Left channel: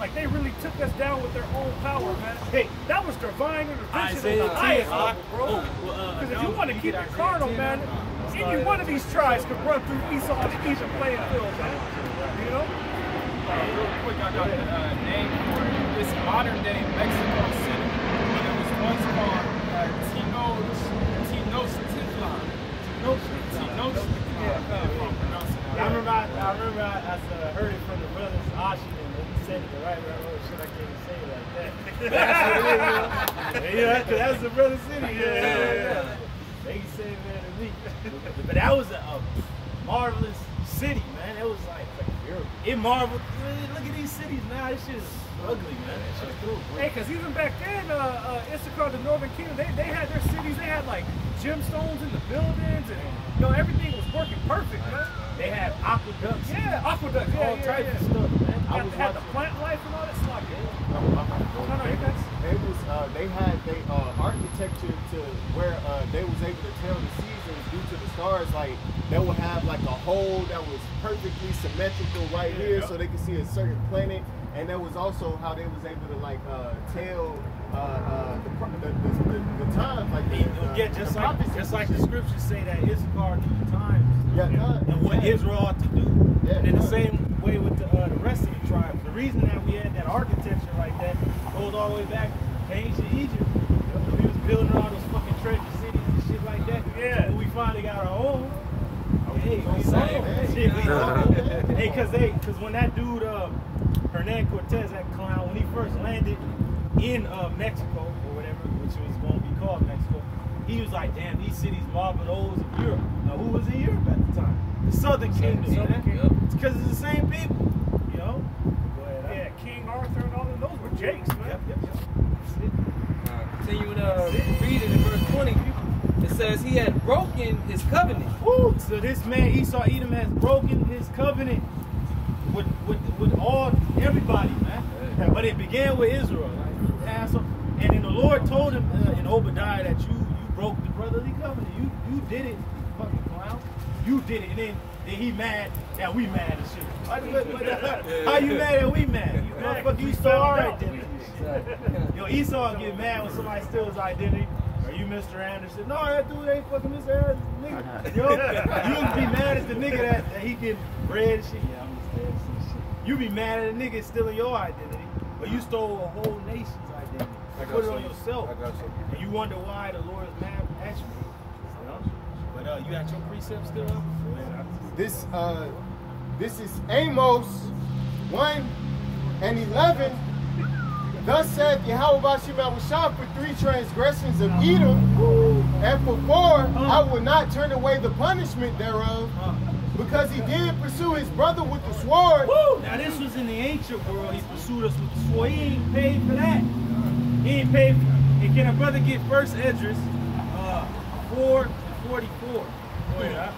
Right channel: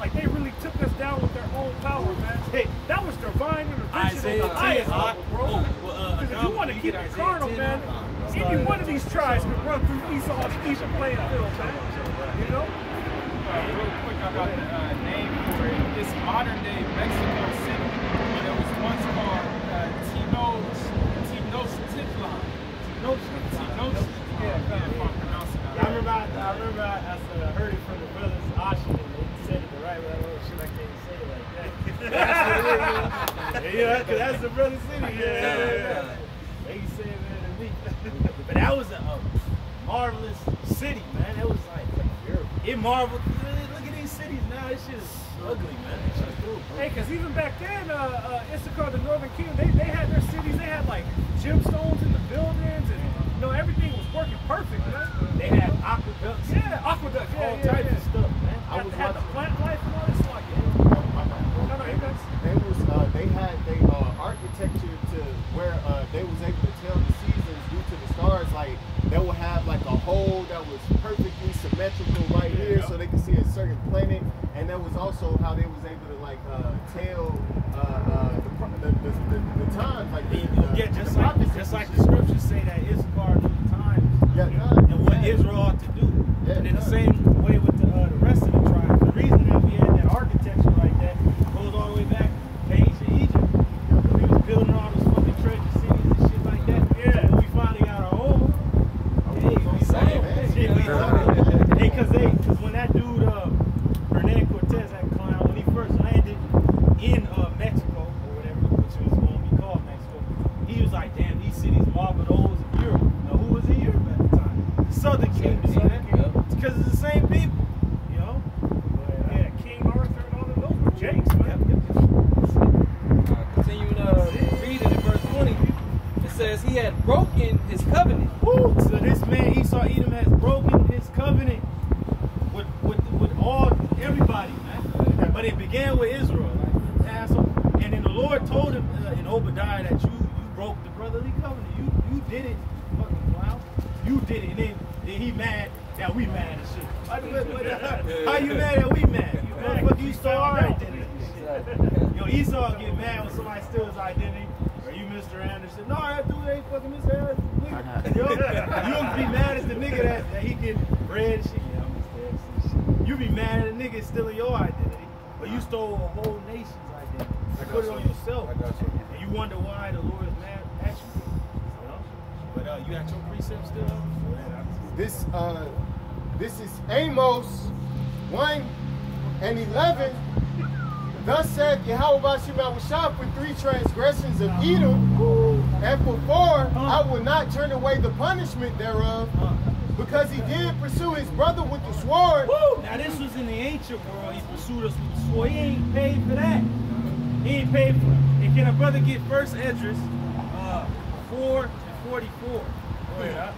Like they really took us down with their own power, man. Hey, that was divine intervention. Isaiah 10, bro. Because if you want to keep it carnal, man, any one of these tribes could run through Esau's even playing field, man. You know? Real quick, I got a name for it. It's modern day Mexico City, but it was once called Tenochtitlan. I remember I heard it from the brothers Oshin, and they said it the right way. Oh shit, I can't say it like that. That's what it is. Yeah, because that's the brother city. Yeah. They can say it better than me. But that was a marvelous city, man. It was like it marveled. Look at these cities now. This shit is ugly, man. This shit is through. Hey, because even back then, Issachar, the Northern Kingdom, they had their cities. They had like gemstones in the buildings, and you know everything was working perfect, man. They had aqueducts. Yeah, aqueducts. All types of stuff, man. I had the plant life and all that stuff. No, you guys. It was they had architecture to where they was able to tell the seasons due to the stars. Like they would have like a hole that was perfectly symmetrical right here, so they could see a certain planet. And that was also how they was able to like tell the times, like just like the scriptures say that Issachar knew the times and what Israel ought to do. And in the same way with the rest of the tribes, the reason that we had that architecture like that goes all the way back to ancient Egypt. We was building all those fucking treasure cities and shit like that. Yeah. So when we finally got our own, because when that dude Hernan Cortez, that clown, when he first landed in Mexico or whatever, which was going to be called Mexico, he was like, damn, these cities marble those of Europe. Now, who was in Europe at the time? The Southern Kingdom, man. It's because it's the same people, you know? Go ahead. Yeah, King Arthur and all of those were Jakes, man. Continuing reading in verse 20, it says he had broken his covenant. Woo! So this man, Esau Edom, has broken his covenant with all everybody, man. But it began with Israel, like Passover. And then the Lord told him in Obadiah that you broke the brotherly covenant. You did it, you fucking clown. You did it. And then he mad that we mad and shit. How you mad that we mad? You motherfucker, you stole our identity. Yo, Esau get mad when somebody steals his identity. Or you Mr. Anderson. No, that dude ain't fucking Mr. Anderson, nigga. Yo, you be mad at the nigga that he getting bread and shit. Yeah, I'm Mr. Anderson shit. You be mad at a nigga stealing your identity. But you stole a whole nation's identity. Put it on yourself. And you wonder why the Lord is mad at you. You know? But you got your precepts still up? This is Amos 1:11. Thus saith Yahweh Bashim Awashah, for 3 transgressions of Edom, and for 4 I will not turn away the punishment thereof, because he did pursue his brother with the sword. Woo! Now this was in the ancient world. He pursued us with the sword. He ain't paid for that. He ain't paid for it. And can a brother get 1 Esdras 4:44? Go ahead,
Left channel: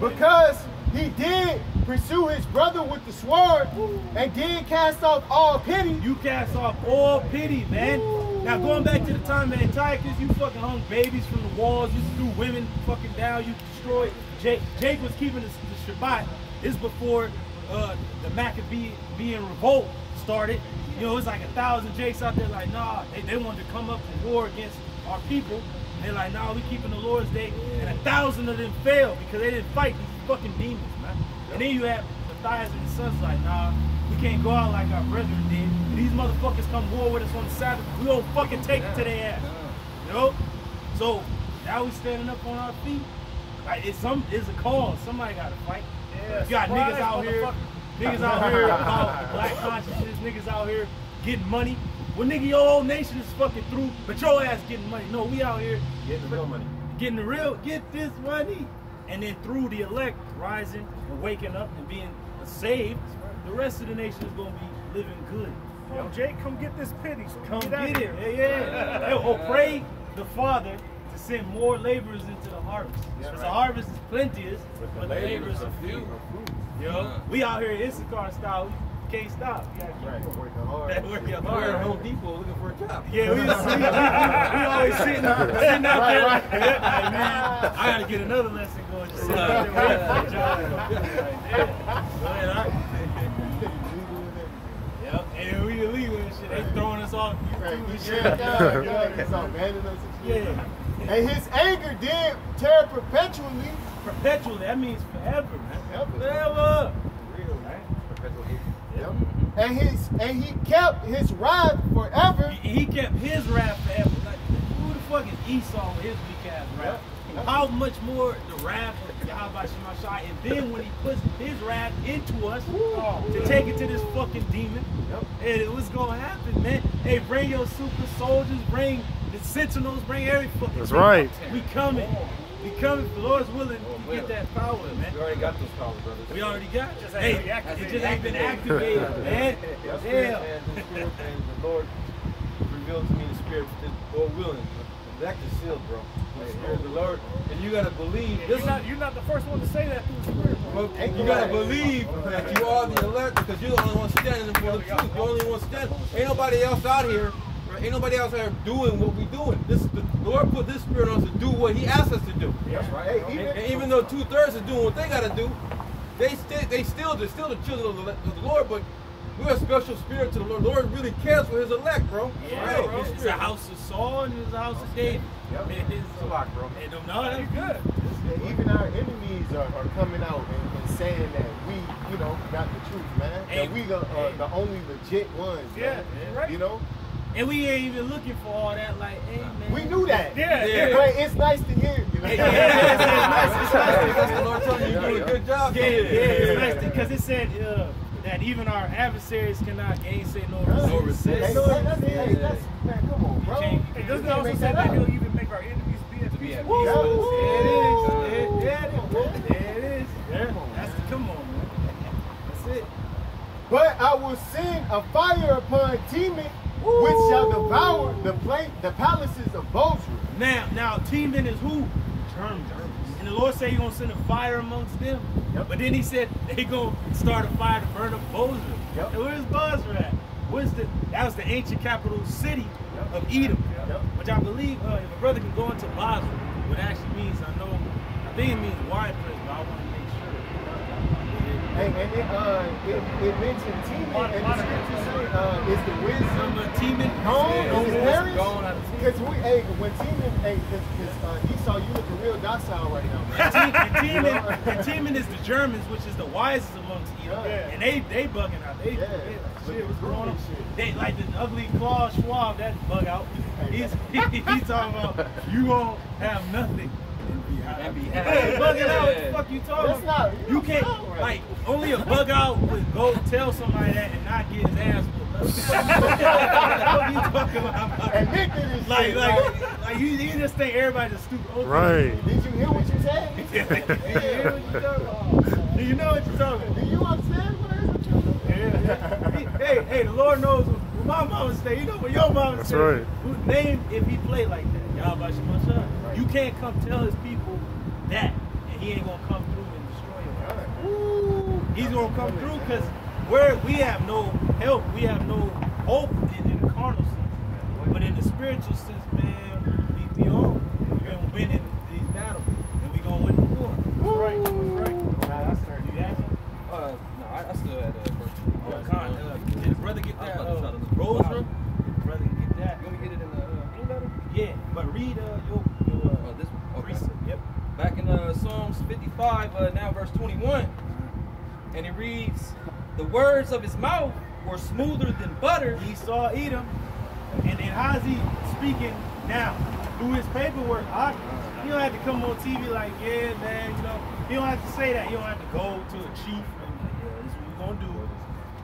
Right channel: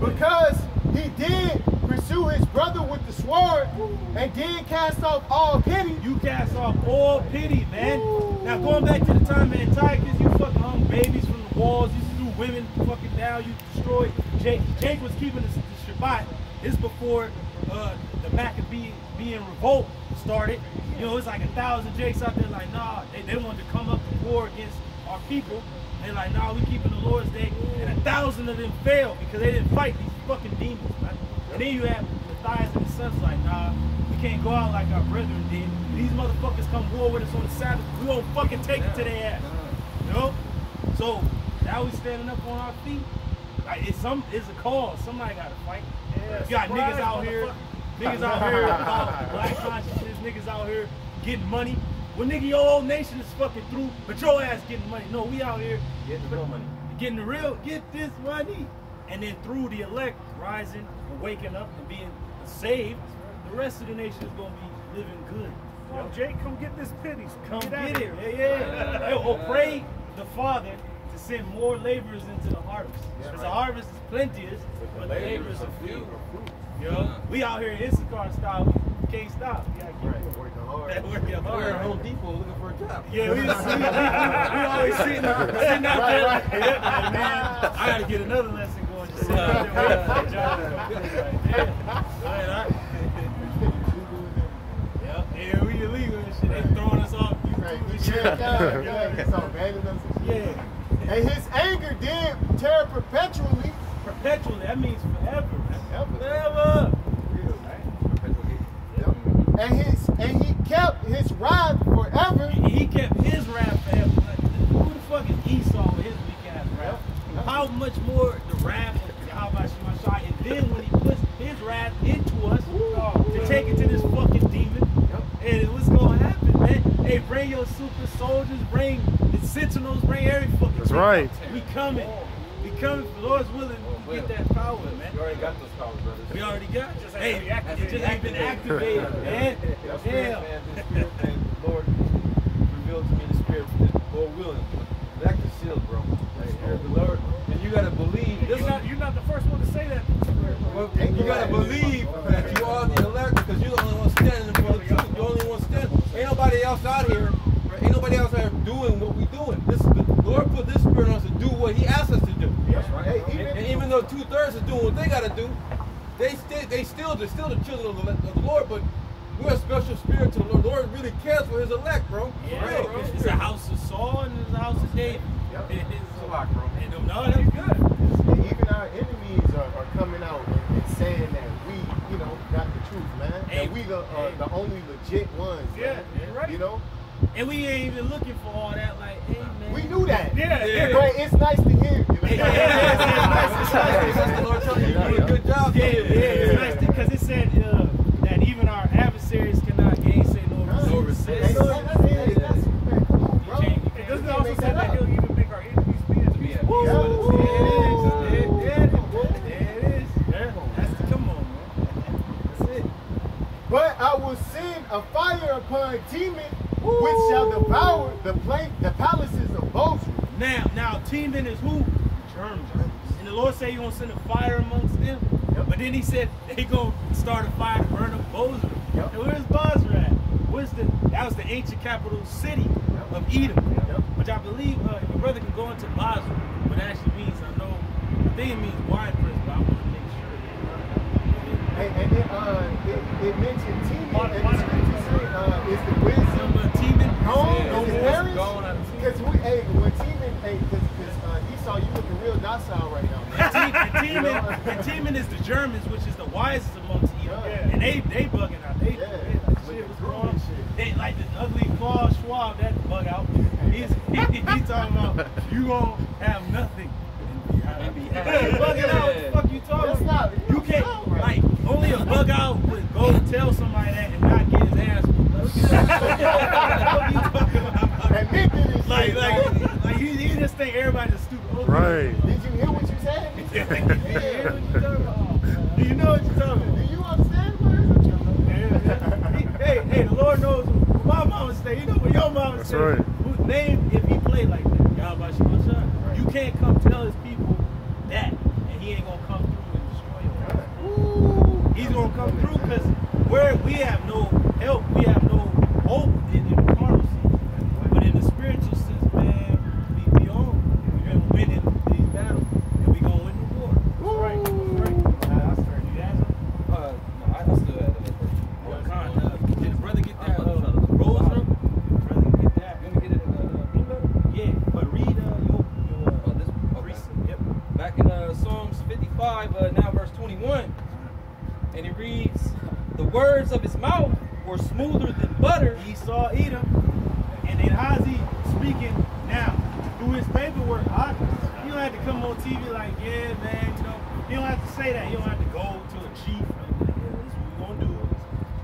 Because he did pursue his brother with the sword and did cast off all pity. You cast off all pity, man. Now going back to the time of Antiochus, you fucking hung babies from the walls, you threw women fucking down, you destroyed. Jake was keeping the Shabbat. This is before the Maccabean revolt started. You know, it's like 1,000 Jakes out there like, nah, they wanted to come up and war against our people. And they're like, nah, we keeping the Lord's Day. And 1,000 of them failed because they didn't fight these fucking demons, man. And then you have Matthias and his sons like, nah, we can't go out like our brethren did. And these motherfuckers come war with us on the Sabbath. We gonna fucking take it to their ass. You know? So now we standing up on our feet. Like it's a cause. Somebody gotta fight. Yeah, you got niggas out here about black consciousness, niggas out here getting money. Well, nigga, your whole nation is fucking through, but your ass getting money. No, we out here getting the real money. Get this money. And then through the elect rising and waking up and being saved, the rest of the nation is going to be living good. Yo, Jake, come get this pity. Come get it. Yeah. Or pray the Father to send more laborers into the harvest. Because the harvest is plenteous, but the laborers are few. Yo, we out here in Issachar style. We can't stop. We gotta keep working hard. Working hard. We're at Home Depot looking for a job. Yeah, we always sitting out there. Right. Yeah, man, I gotta get another lesson going. Just sitting out there waiting for a job to come. Like, yeah. Go ahead, all right. attitude and He shit. He's all abandoning us and shit. Yeah. And his anger did tear perpetually. Perpetually. That means forever, man. Ever. Forever. Real, right? Perpetual hate. Yep. And he kept his wrath forever. He kept his wrath forever. Like, who the fuck is Esau with his weak ass wrath? Yep. How much more the wrath of Yahweh Shemashai, and then when he puts his wrath into us to take it to this fucking demon, and what's gonna happen, man? Hey, bring your super soldiers, bring the sentinels, bring every fucking That's thing. right. We coming. We coming. If the Lord's willing to get that power, man. We already got those powers, brothers. We already got it. Just Hey, ain't activated. it just ain't been activated, man. That's Yeah. right, man. The Spirit and the Lord revealed to me the Spirit, the Lord willing. The elect is sealed, bro. The Lord, and you gotta believe. This You're not the first one to say that through the Spirit. bro. Well, you gotta believe that you are the elect because you're the only one standing for the truth. You're the only one standing. Ain't nobody else out here. Right? Ain't nobody else out here doing what we doing. This is the Lord put this Spirit on us to do what He asked us to do. That's right. Hey, And even though 2/3 is doing what they gotta do, they're still the children of the Lord, but we're a special spirit to the Lord. The Lord really cares for His elect, bro. Yeah, For real. it's a house of Saul and it's a house of David. Yep. It's a lot, bro. No, that's good. And even our enemies are coming out and saying that we, got the truth, man. Hey, that we the only legit ones, man. Yeah, right. You know? And we ain't even looking for all that. Like, hey, man. We knew that. Yeah. But it's nice to hear. You know? Yeah, it's nice. That's the Lord telling you you're doing a good job. Yeah, it's nice because it said that even our adversaries cannot gainsay nor resist. Hey, that's man, come on, bro. It doesn't also say that he'll even make our enemies be at peace. Woo! Yeah. There it is. Come on, man. That's it. But I will send a fire upon Teman, which shall devour the palaces of Bozrah. Now, Teman is who? Germans. And the Lord said He's gonna send a fire amongst them. Yep. But then He said they gonna start a fire to burn up Bozrah. Yep. And where's Bozrah at? That was the ancient capital city of Edom, Yep. which I believe if a brother can go into Bozrah, what it actually means, I think it means wine press, but I want to make sure. And it mentioned Teman, and the scripture say is the wisdom Number Teman, gone, no his more. parents? Because when Teman, because Esau, you looking real docile right now, man. And Teman is the Germans, which is the wisest amongst Edom. Yeah. And they bugging out. They like, shit, what's going on? They like the ugly Klaus Schwab, that bug out. He's talking about you gonna have nothing. And be Hey, happy. bugging out, what the fuck you talking about? You can't, like, only a bug out would go tell somebody that and not get his ass whooped. What the fuck you talking about? Admit to this Like, shit, you just think everybody's a stupid. Okay. Right. Did you hear what you said? Do you hear what you're talking about? Do you know what you're talking about? Do you understand what Hey, the Lord knows what my mama say. You know what your mama That's say. right. Name if he play like that. Yahweh Shemashai. You can't come tell his people that, and he ain't gonna come through and destroy your ass. He's gonna come through because we have no help, we have no hope in the carnal sense. But in the spiritual sense, man, we on. We've been winning these battles, and we gonna win the war. Right. You got something? No, I still had first. Oh, God, did the brother get that rose room? Did the brother get that? You want me to get it in blue letter? Yeah, but read your This one? Okay. precept. Yep. Back in Psalms 55, now verse 21. And it reads, the words of his mouth were smoother than butter. Esau Edom, and then how's he speaking now? Through his paperwork, he don't have to come on TV like, yeah, man, he don't have to say that. He don't have to go to a chief and be like, yeah, this is what we're gonna do,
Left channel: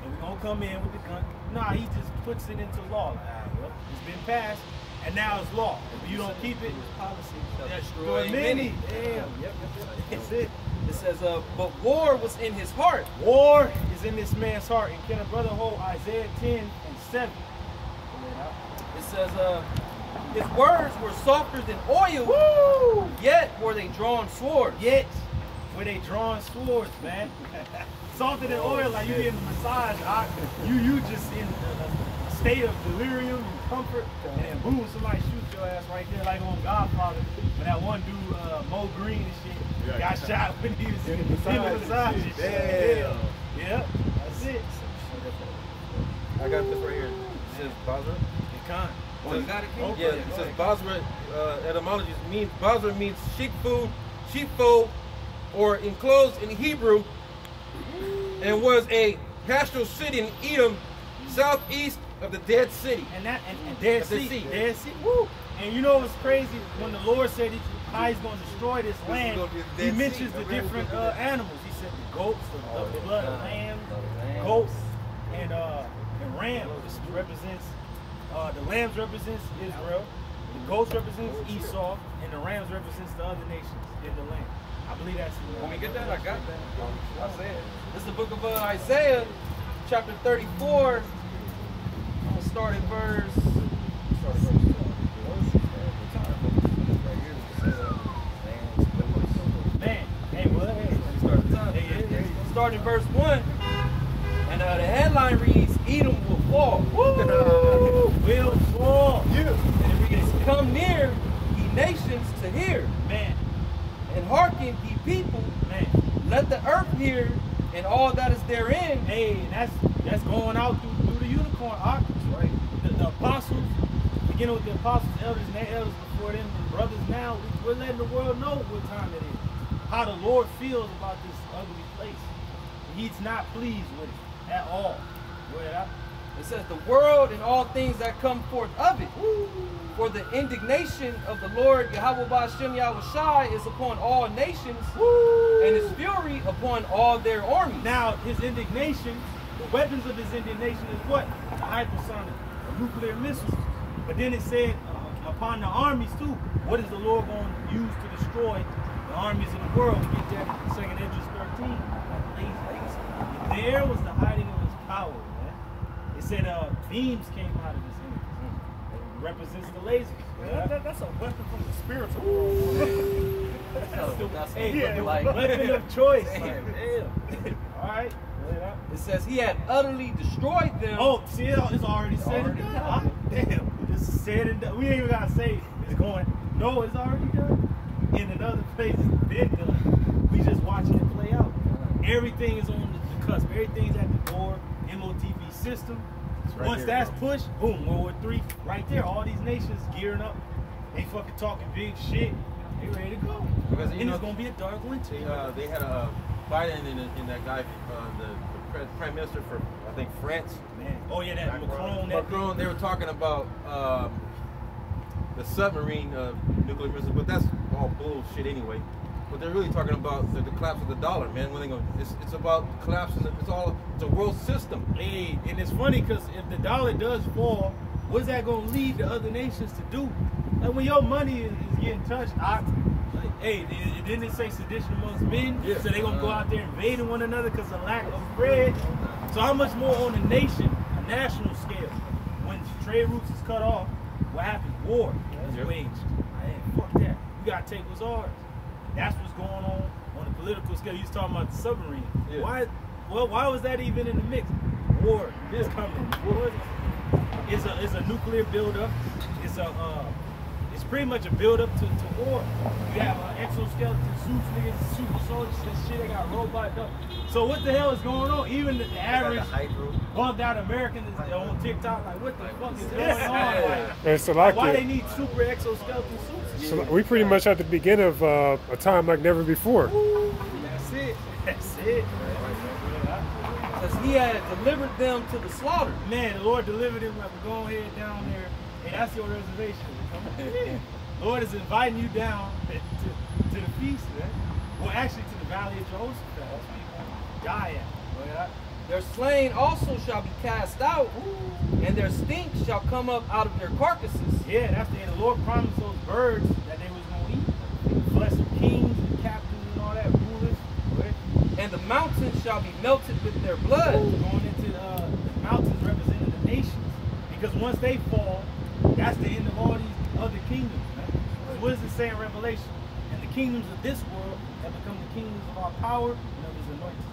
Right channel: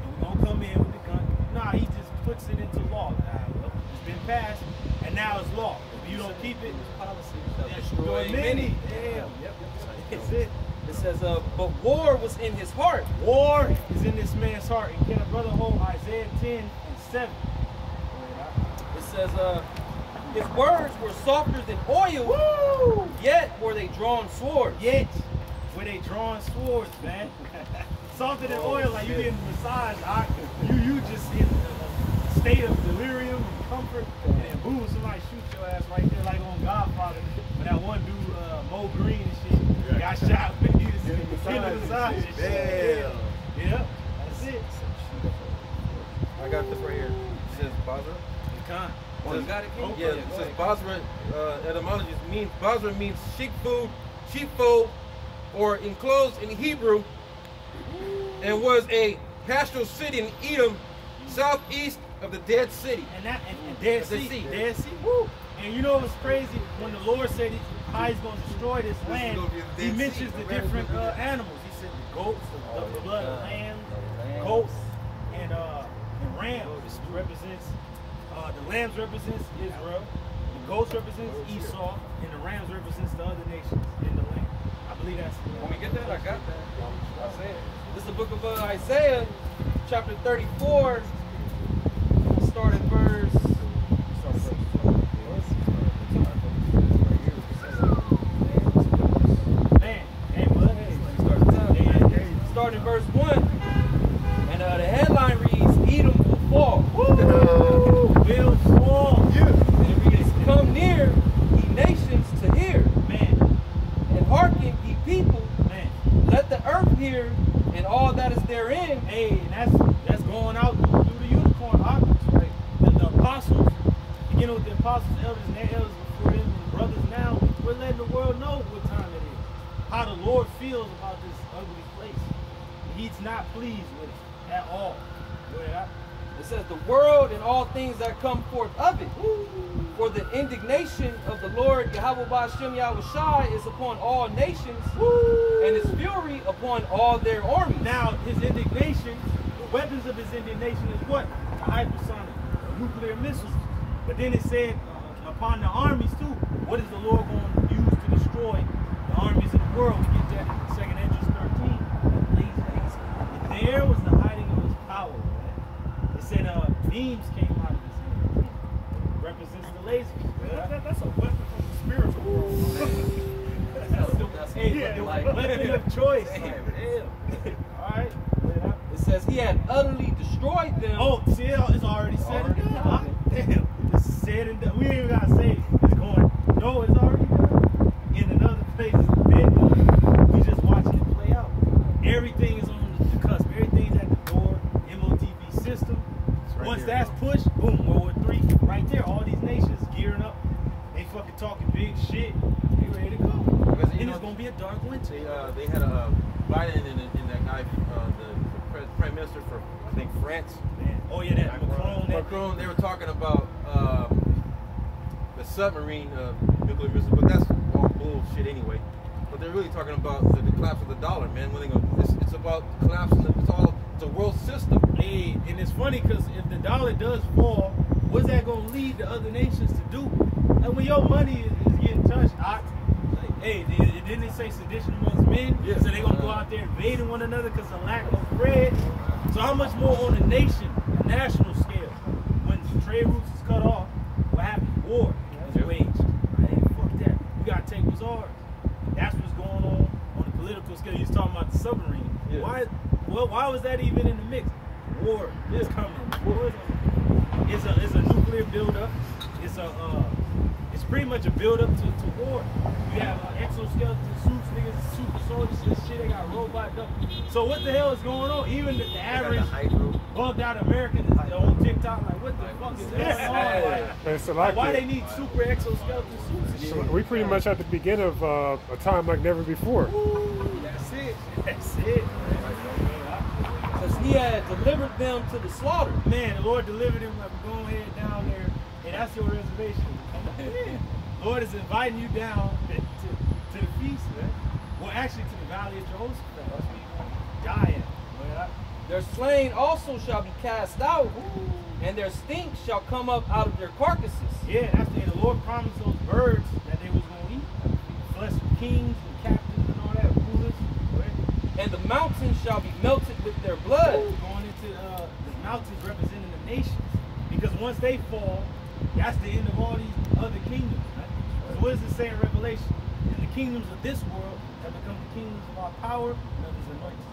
and we're gonna come in with the gun. Nah, he just puts it into law. Like, well, it's been passed, and now it's law. If you don't keep it, Policy destroy many. Damn. Yep. That's it. It says, but war was in his heart. War is in this man's heart. And can a brother hold Isaiah 10:7? It says, his words were softer than oil. Woo! Yet were they drawn swords. Yet were they drawing swords, man. Softer than oil, like you getting massaged. You just in a state of delirium and comfort, and then boom, somebody shoots your ass right there, like on Godfather. When that one dude, Mo Green and shit, got shot when he was in the massage and shit. Damn. Yep, that's it. I got this right here. It says Basra. Khan. Oh, you got it, King? Okay, Yeah, it says Basra, etymology means, Basra means sheepfold, or enclosed in Hebrew, and was a pastoral city in Edom, southeast of the Dead Sea. And Dead Sea. Woo. And you know what's crazy? When the Lord said how he's going to destroy this land, he mentions the different animals. He said the goats, the blood of lambs, goats, and rams. This represents, the lambs represents Israel, the goats represents Esau, and the rams represents the other nations in the land. I believe that's it. When we get that, I got that. I said, this is the book of Isaiah, chapter 34. I'm gonna start at verse. Man, hey, what? Hey, Let me start at the top. Yeah. Start at verse 1. And the headline reads, Edom will fall. Woo! Will fall. And it reads, come near, ye nations, to hear. Man, And hearken, ye people. man. Let the earth hear, and all that is therein. Hey, and that's going out through the unicorn octaves, right? The apostles, beginning with the apostles, elders, and their elders before them, and brothers now, we're letting the world know what time it is. How the Lord feels about this ugly place. He's not pleased with it at all. Go ahead. It says, the world and all things that come forth of it. For the indignation of the Lord Yahweh Ba'ashem Yahushai is upon all nations, and his fury upon all their armies. Now, his indignation, the weapons of his indignation is what? The hypersonic, nuclear missiles. But then it said, upon the armies too. What is the Lord going to use to destroy the armies of the world? We get that in 2nd Esdras 13. There was the hiding of his power, man. It said beams came out of his hands. It represents the lasers. Man, that's a weapon from the spiritual world. Weapon of choice. Damn. All right. It says he had utterly destroyed them. Oh, see, it's already said and done. Damn. It's said and done. We ain't even got to say it's going. No, it's already done. In another place, it's been done. We just watching it play out. Everything is on the cusp. Everything's at the door. MOTV system. Right Once here, that's bro. pushed, boom, World War III. Right there. All these nations gearing up. They fucking talking big shit. They ready to go. Because, And it's going to be a dark winter. They had a Biden and that guy, the prime minister for, I think, France. Man. Oh, yeah, that Macron. Macron, they were talking about the submarine nuclear missiles, but that's all bullshit anyway. But they're really talking about the collapse of the dollar, man. When they go, it's about collapsing. It's a world system. Hey, and it's funny because if the dollar does fall, what's that gonna lead the other nations to do? Like when your money is getting touched, hey, didn't it say sedition amongst men? Yeah. So they gonna go out there invading one another because of lack of bread. So how much more on a national scale? When trade routes is cut off, what happens? War is waged. Hey, fuck that. We gotta take what's ours. That's what's going on the political scale. You was talking about the submarine. Yeah. Why was that even in the mix? War is coming. War is a nuclear buildup. It's pretty much a buildup to war. You have exoskeleton suits, niggas, super soldiers and shit. They got robots up. So what the hell is going on? Even the average bugged out American is on TikTok like, what the fuck is going on? It's Like, why they need super exoskeleton suits and shit? We pretty much at the beginning of a time like never before. That's it. That's it. Because he had delivered them to the slaughter. Man, the Lord delivered him like, we're going head down there. And that's your reservation. Come on in. Lord is inviting you down to the feast, man. Well, actually to the valley of Jehoshaphat. That's where you want to die at. Their slain also shall be cast out, and their stink shall come up out of their carcasses. Yeah, that's the Lord promised those birds that they was going to eat. The flesh of kings and captains and all that, rulers. And the mountains shall be melted with their blood. Going into the mountains representing the nations. Because once they fall, that's the end of all these other kingdoms, man. So what does it say in Revelation? And the kingdoms of this world have become the kingdoms of our power and of his anointing.